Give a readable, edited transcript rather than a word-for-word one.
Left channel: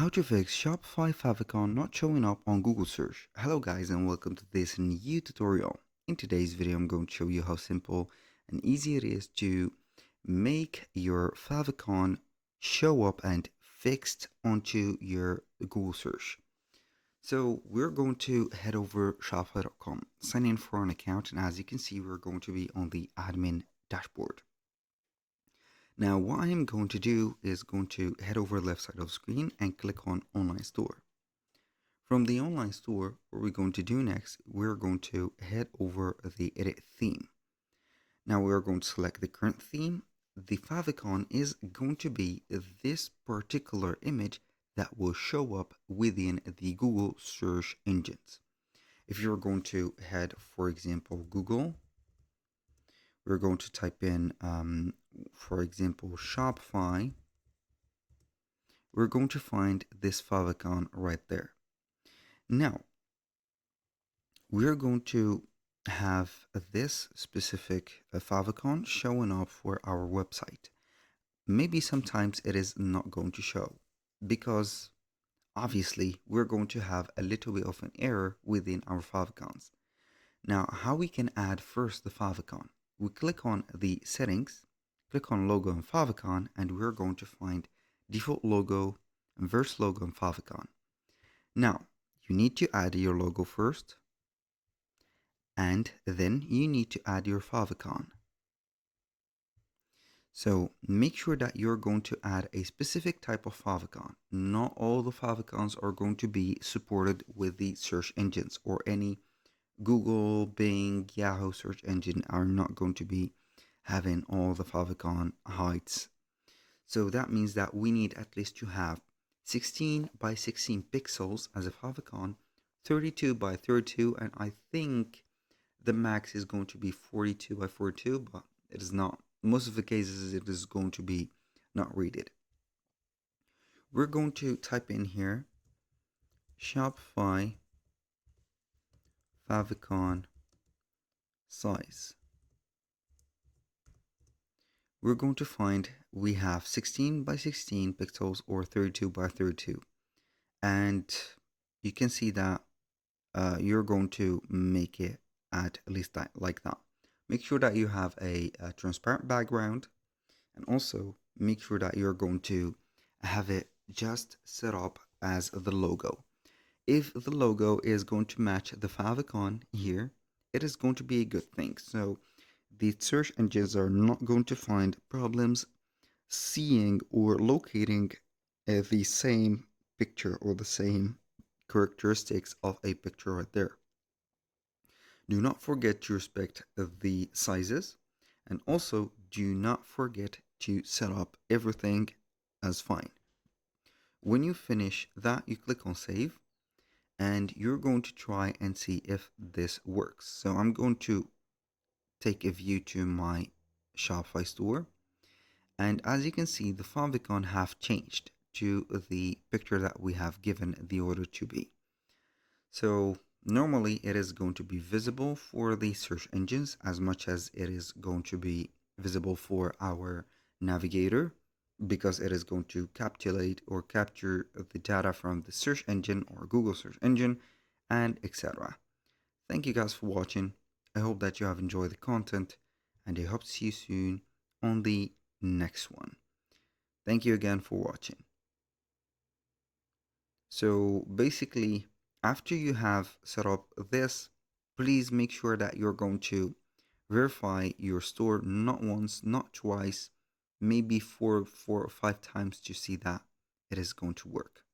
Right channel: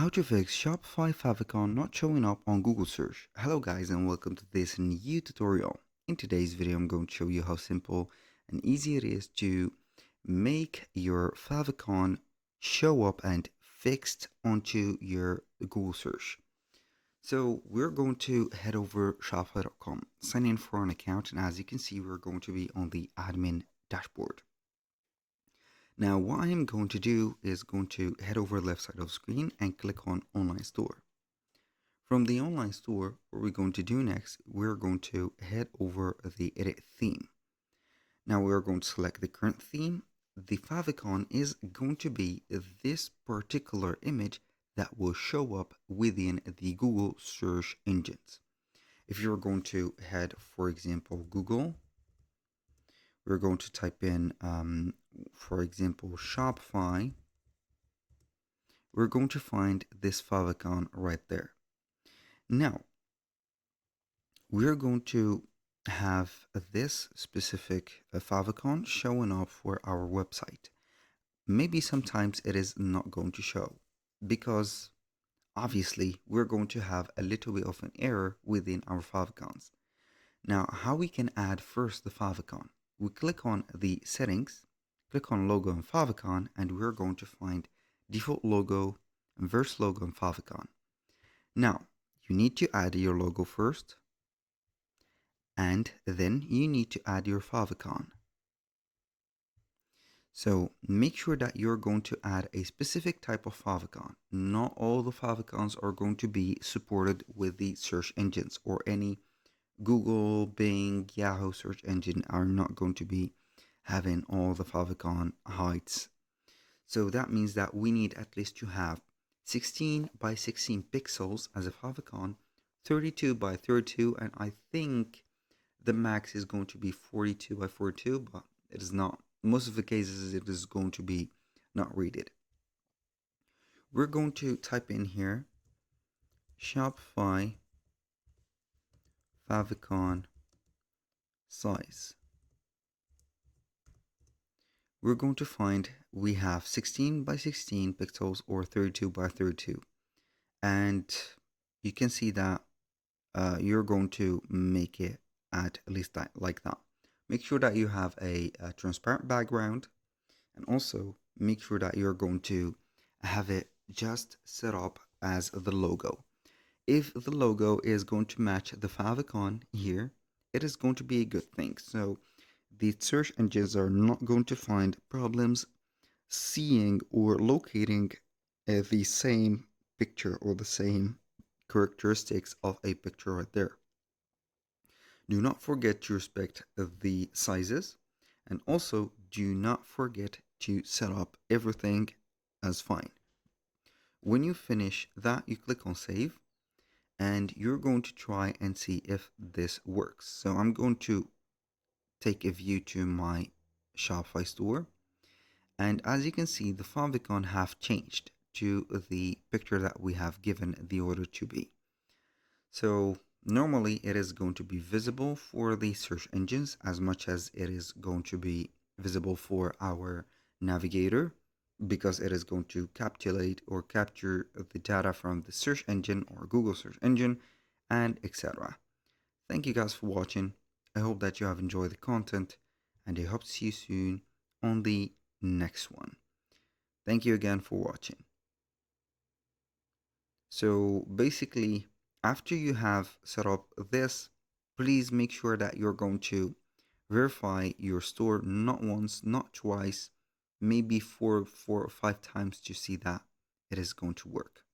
How to fix Shopify Favicon not showing up on Google search. Hello guys and welcome to this new tutorial. In today's video I'm going to show you how simple and easy it is to make your favicon show up and fixed onto your Google search. So we're going to head over shopify.com, sign in for an account, and as you can see we're going to be on the admin dashboard. Now what I am going to do is going to head over left side of the screen and click on online store. From the online store, what we're going to do next, we're going to head over the edit theme. Now we're going to select the current theme. The favicon is going to be this particular image that will show up within the Google search engines. If you're going to head, for example, Google, we're going to type in for example Shopify, we're going to find this favicon right there. Now we're going to have this specific favicon showing up for our website. Maybe sometimes it is not going to show because obviously we're going to have a little bit of an error within our favicons. Now how we can add first the favicon, we click on the settings, click on logo and favicon, and we're going to find default logo, inverse logo and favicon. Now you need to add your logo first, and then you need to add your favicon. So make sure that you're going to add a specific type of favicon. Not all the favicons are going to be supported with the search engines, or any Google, Bing, Yahoo search engine are not going to be having all the favicon heights. So that means that we need at least to have 16 by 16 pixels as a favicon, 32 by 32, and I think the max is going to be 42 by 42, but it is not. Most of the cases it is going to be not rated. We're going to type in here Shopify favicon size. We're going to find we have 16 by 16 pixels or 32 by 32, and you can see that you're going to make it at least that, like that. Make sure that you have a transparent background, and also make sure that you're going to have it just set up as the logo. If the logo is going to match the favicon here, it is going to be a good thing. So the search engines are not going to find problems seeing or locating the same picture or the same characteristics of a picture right there. Do not forget to respect the sizes, and also do not forget to set up everything as fine. When you finish that, you click on save, and you're going to try and see if this works. So I'm going to take a view to my Shopify store, and as you can see the favicon have changed to the picture that we have given the order to be. So normally it is going to be visible for the search engines as much as it is going to be visible for our navigator, because it is going to capture the data from the search engine or Google search engine, and etc. Thank you guys for watching. I hope that you have enjoyed the content, and I hope to see you soon on the next one. Thank you again for watching. So basically, after you have set up this, please make sure that you're going to verify your store not once, not twice, maybe four or five times to see that it is going to work.